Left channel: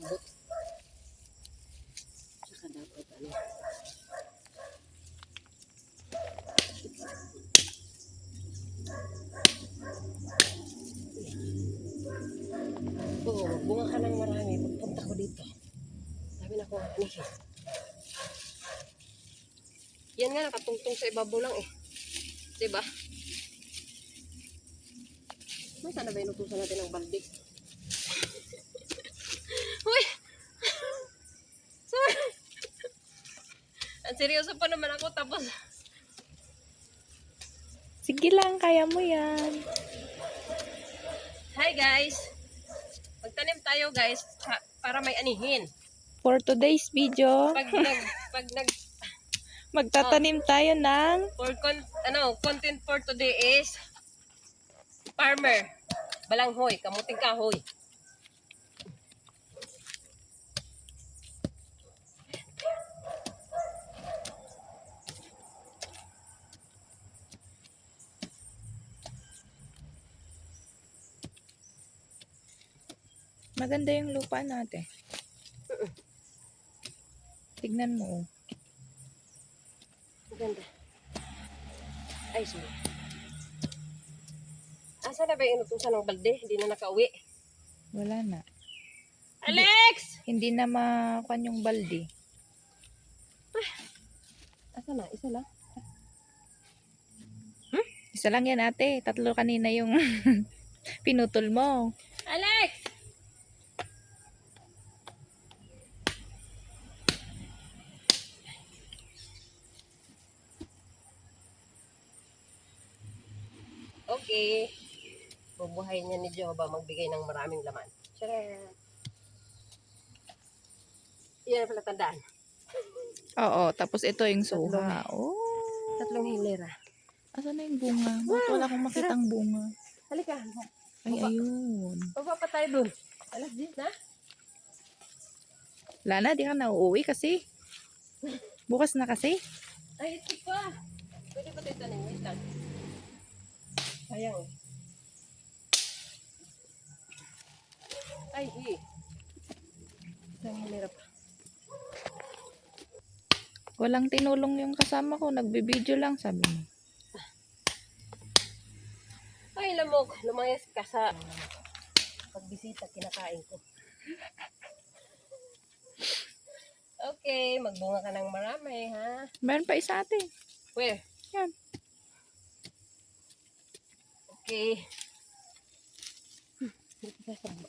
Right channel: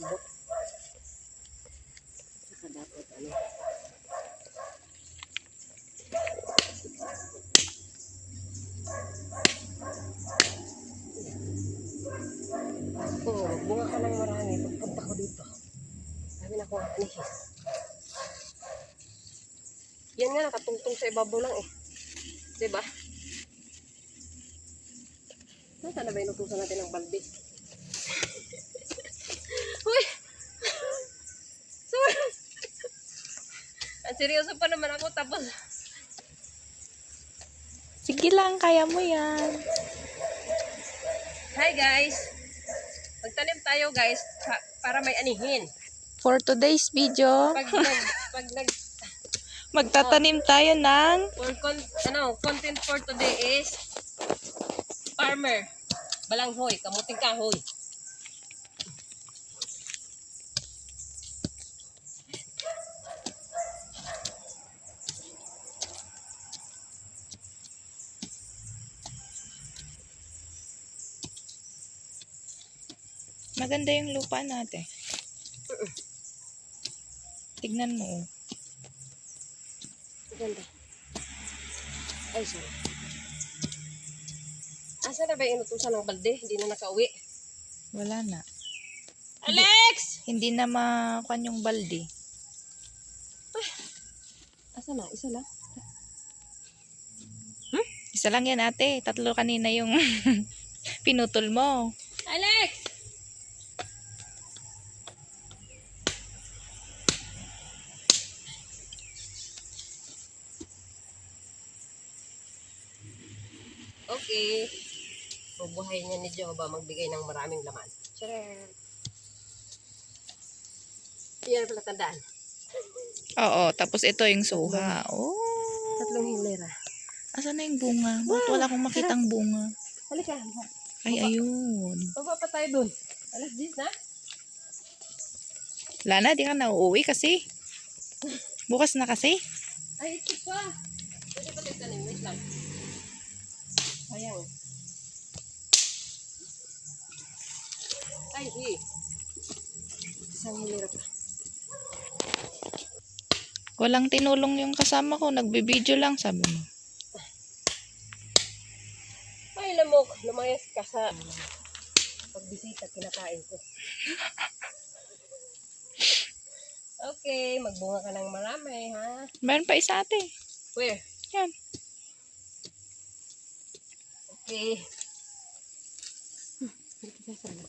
malambot. Saka dapat ano. Oo, magbunga ka ng marami. Pagpunta ko dito. Sabi na ko anihin. Yan nga, nakatungtong sa ibabaw lang eh. Diba? Nasaan na ba inutusan natin ng balde? Uy! Sorry! Ang seryoso pa naman ako tapos... Sige lang, kaya mo yan. Hi guys! Magtanim tayo guys para may anihin. For today's video, magtatanim tayo ng Content for today is farmer, balanghoy, kamuting kahoy. maganda yung lupa natin. Tignan mo. Maganda. Ay, sorry. Asa na ba yung inutusan ng balde? Hindi na nakauwi. Wala na. Alex! Hindi na makuha yung balde. Asa na? Isa lang? Isa lang yan ate. 3 kanina yung pinutol mo. Alex! Okay. Bubuhay niya ni Jehovah magbigay ng maraming laman. Tcharam! Yan pala tandaan. Oo, tapos ito yung suha. Oh. 3 hilera. Asan na yung bunga? Bakit wala akong makitang bunga? Halika. Ay, ayun. Baba pa tayo dun. Alas 10 na. Wala na, di ka na uuwi kasi. Bukas na kasi. Ay, ito pa. Pwede pa tayo tanim. Wait lang. Sayang. Ay, isang hilera pa. Walang tinulong yung kasama ko. Nagbibideo lang, sabi mo. Ay, lamok. Lumayas ka sa pagbisita, kinakain ko. Okay, magbunga ka ng marami, ha? Meron pa isa ate. Where? Yan. Okay. Dito sa sama.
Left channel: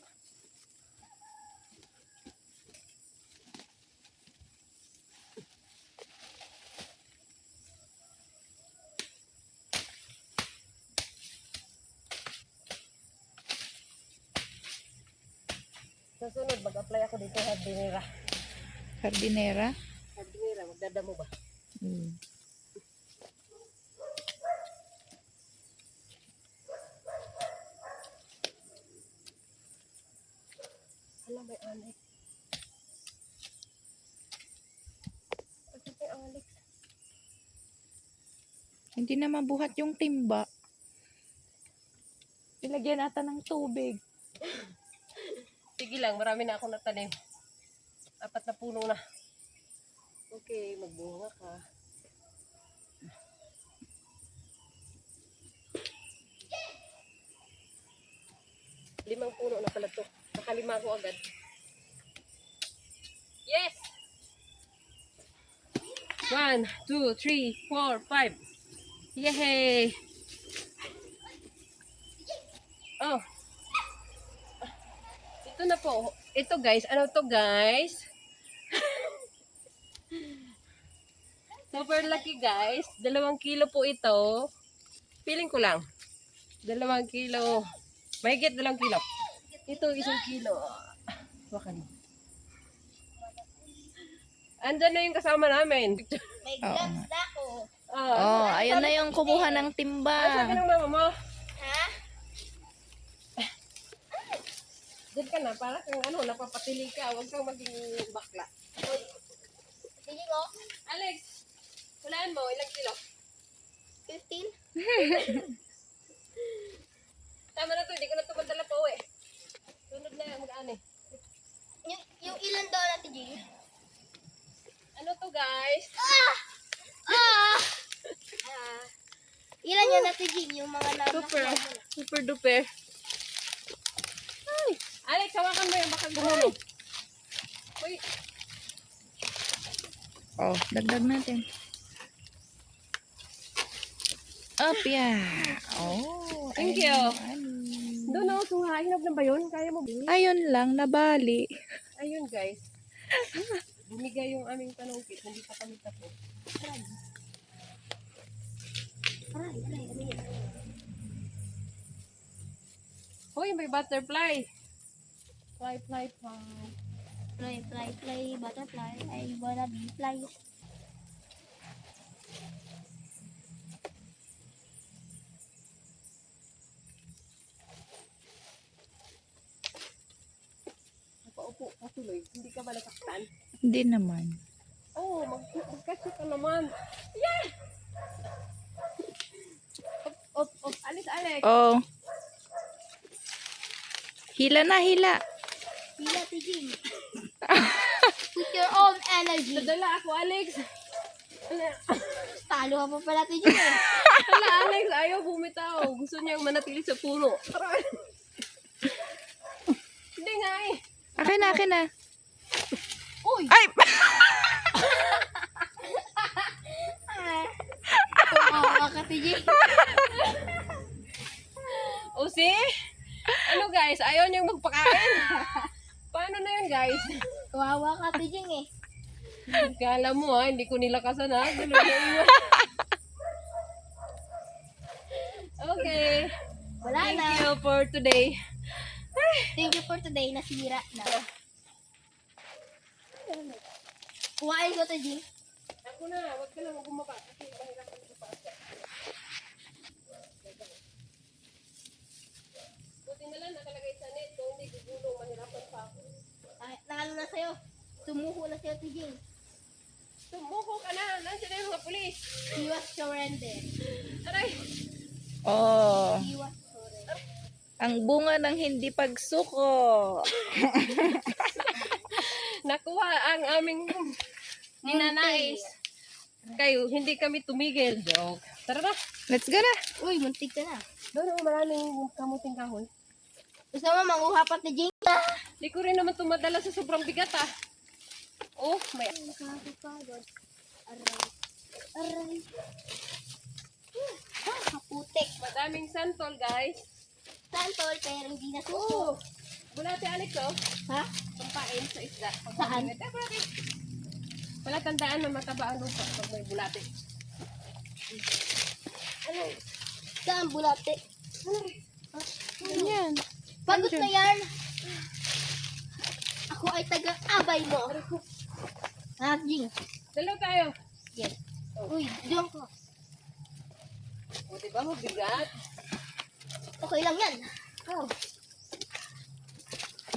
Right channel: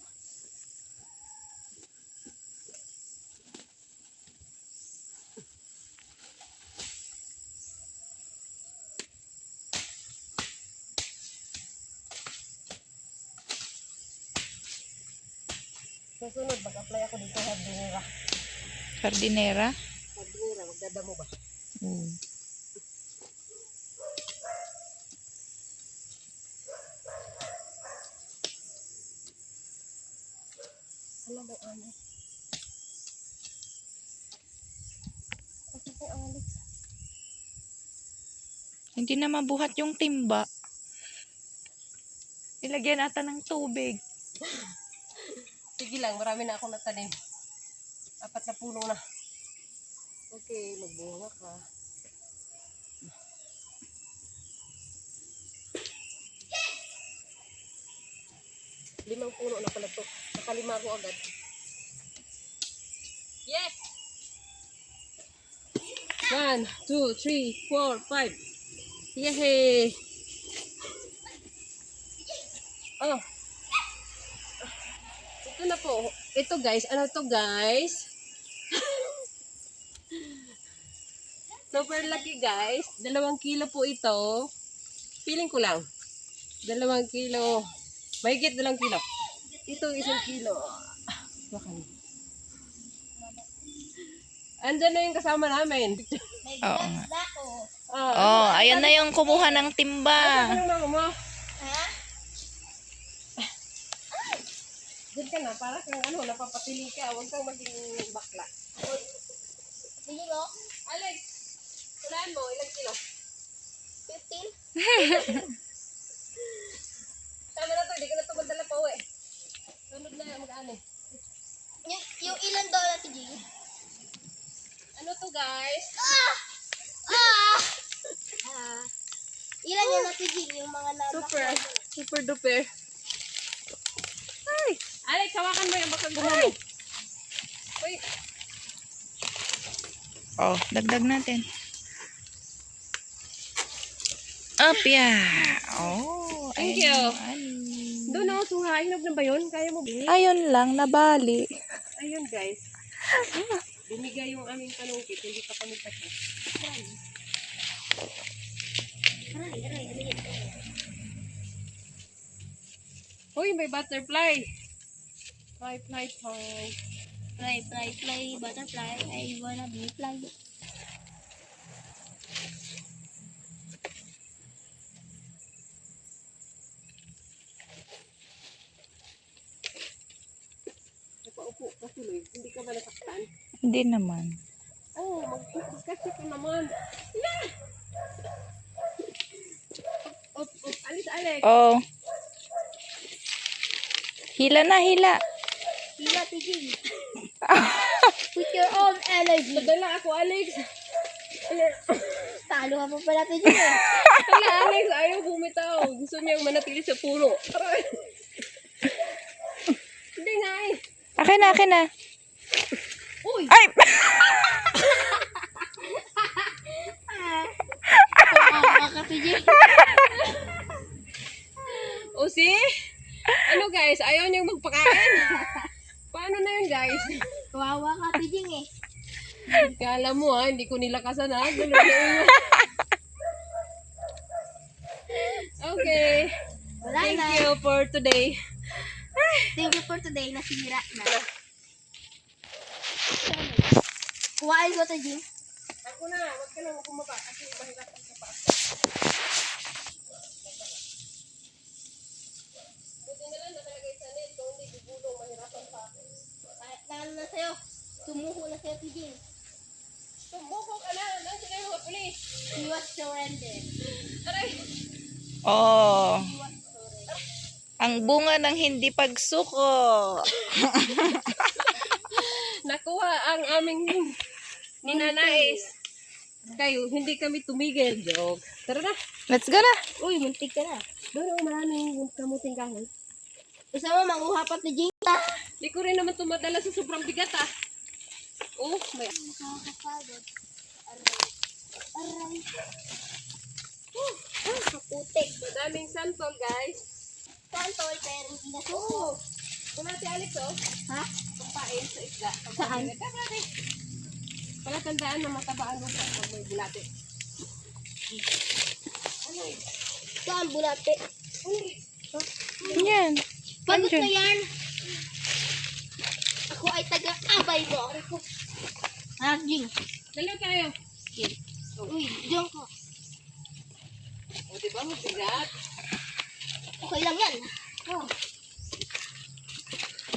Sa sunod, mag-apply ako dito sa Dinera. Jardinera. Sa Dinera, magdadamo ba? Mm. Alam may Alex. Kasi may Alex. Hindi na mabuhat yung timba. Ilagyan natin ng tubig. Sige lang, marami na akong natanim. 4 na puno na. Okay, magbunga ka. Limang puno na pala to. Nakalima ako agad. Yes! 1, 2, 3, 4, 5. Yay! Oh. Ito na po. Ito guys. Ano to guys? Super lucky guys. 2 kilo po ito. Feeling ko lang. 2 kilo. Mahigit 2 kilo. Ito 1 kilo. Wakan. Andyan na yung kasama namin. Oo nga. Oh, Oh, ayan na yung kumuha ng timba. Ano ng mama mo? Ha? Diyan ka na. Para kang ano, napapatili ka. Huwag kang maging bakla. Pili mo? Alex, hulaan mo. Ilang kilo? 15? Tama na to. Hindi ko na ito magdala pa uwi. Sunod na mag-ani. Yung ilan daw natin, Jing? Ano to guys? Ilan yan natin, Jing? Yung mga Super. Super duper. Ay! Alex, hawakan mo yan. Baka gumulong. Uy! Oh, dagdag natin. Up, yeah. Oh, Thank you. Doon o, suhain na ba yun? Kaya mo ba? Ayun lang, nabali. Ayun guys. Bumigay yung aming panungkit. Hindi pa kami tapos. Aray. Uy, may butterfly. Fly. Fly, butterfly. I wanna be fly. Napaupo ka tuloy. Hindi ka ba nasaktan? Hindi naman. Oh, magkasya ka naman. Yeah! Op. Alis, Alex. Oh. Hila na, hila. Hila, Jing. Put your own energy. Nadala ako, Alex. Talo ka pa pala, Jing. Hala, Alex, ayaw bumitaw. Gusto niyang manatili sa puno. Aray. Hindi nga eh. Akin na. Uy! Ay! Kawawa ka, Jing. O see? Ano guys, ayaw niyang magpakain. Paano na yun guys? Kawawa ka, Jing eh. Kala mo ha, hindi ko nilakasan ha. Dalawa. Okay. Wala Thank na. you for today. Thank you for today. Nasira na. Kuhain ko to, Jing. Ako na, wag ka na bumaba kasi mahirapan ka pa. Buti na lang nakalagay sa net, kung hindi gugulong, mahirapan pa ako. Naano na sa'yo. Tumuho na sa'yo, Jing. Tumuko ka na, nandiyan na yung mga pulis. He was surrendered. Aray, Oh. He was surrendered. Ang bunga ng hindi pagsuko. nakuha ang aming ninanais. Kayo, hindi kami tumigil, joke. Tara na. Let's go na. Uy, muntik ka na. Doon, maraming kamuting kahoy. Gusto mo manguha pa ni Jing? Hindi ko rin naman tumadala sa sobrang bigat ah. Oh, may... Nakakapagod. Aray. Kaputik. Madaming santol, guys. Santol, pero hindi na suko. Oh, bulate Alex, oh. Ha? Pampain sa isda. Saan? Wala tandaan na mataba ang lupa pag may bulate. Ano? Saan bulate? Yan. Pagod Andyan. na yan. Ako ay taga-abay mo. Ah, Jing. Dalaw tayo. Okay. Uy, diyan ko. O, diba mabigat? Okay lang yan. Oh.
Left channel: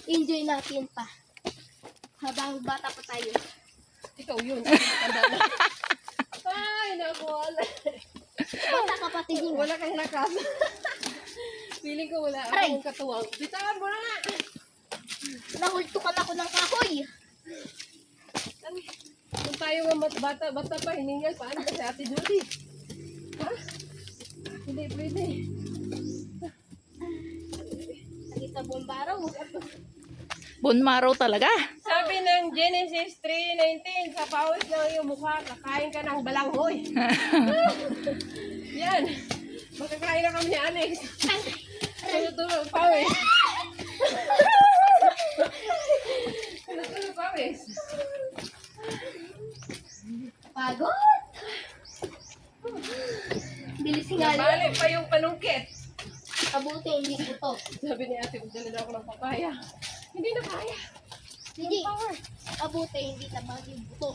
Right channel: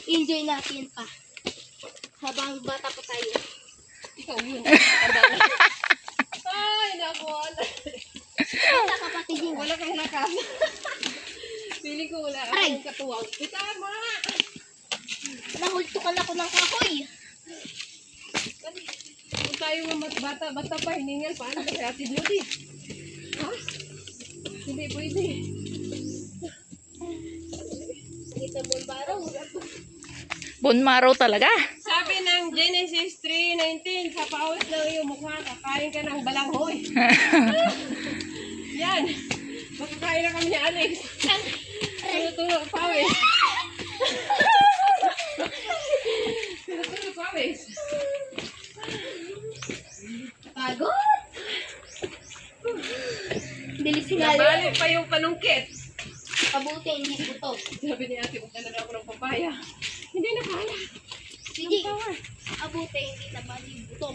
Enjoy natin pa. Habang bata pa tayo. Ikaw yun. Tanda na. Ay, naku. Bata ka pati, Jing. Wala kang lakas. Feeling ko wala Aray. akong katuwang. Bitawan mo na nga. Nahultukan ako ng kahoy. Kung tayo nga bata pa, hiningal, paano ba sa atin Lodi? Ha? Hindi pwede. Nakita bombaro. Bunmaraw talaga. Sabi ng Genesis 3:19, sa pawis ng iyong mukha, kakain ka ng balanghoy. Yan. Makakain na kami ni Alex. Tulog pawis. Tulog pawis. Pagod. Bilis nga yan. Nabali pa yung panungkit. Kabuti, hindi ito. Sabi ni ate, magdala na ako ng papaya. Hindi na kaya. Sige. Abuti, hindi ka mali buto.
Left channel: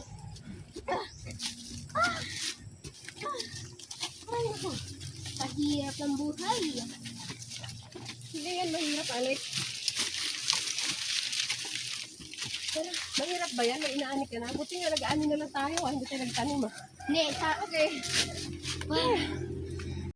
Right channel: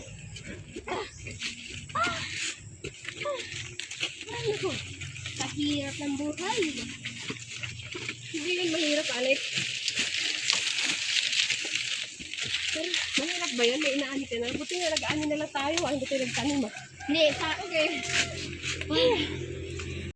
Ay, naku. Kahirap ng buhay. Hindi yan mahirap, Alex. Pero mahirap ba yan? May inaani ka na. Buti nga nag-aani na lang tayo. Hindi tayo nagtanim ah. Hindi, sa... Okay.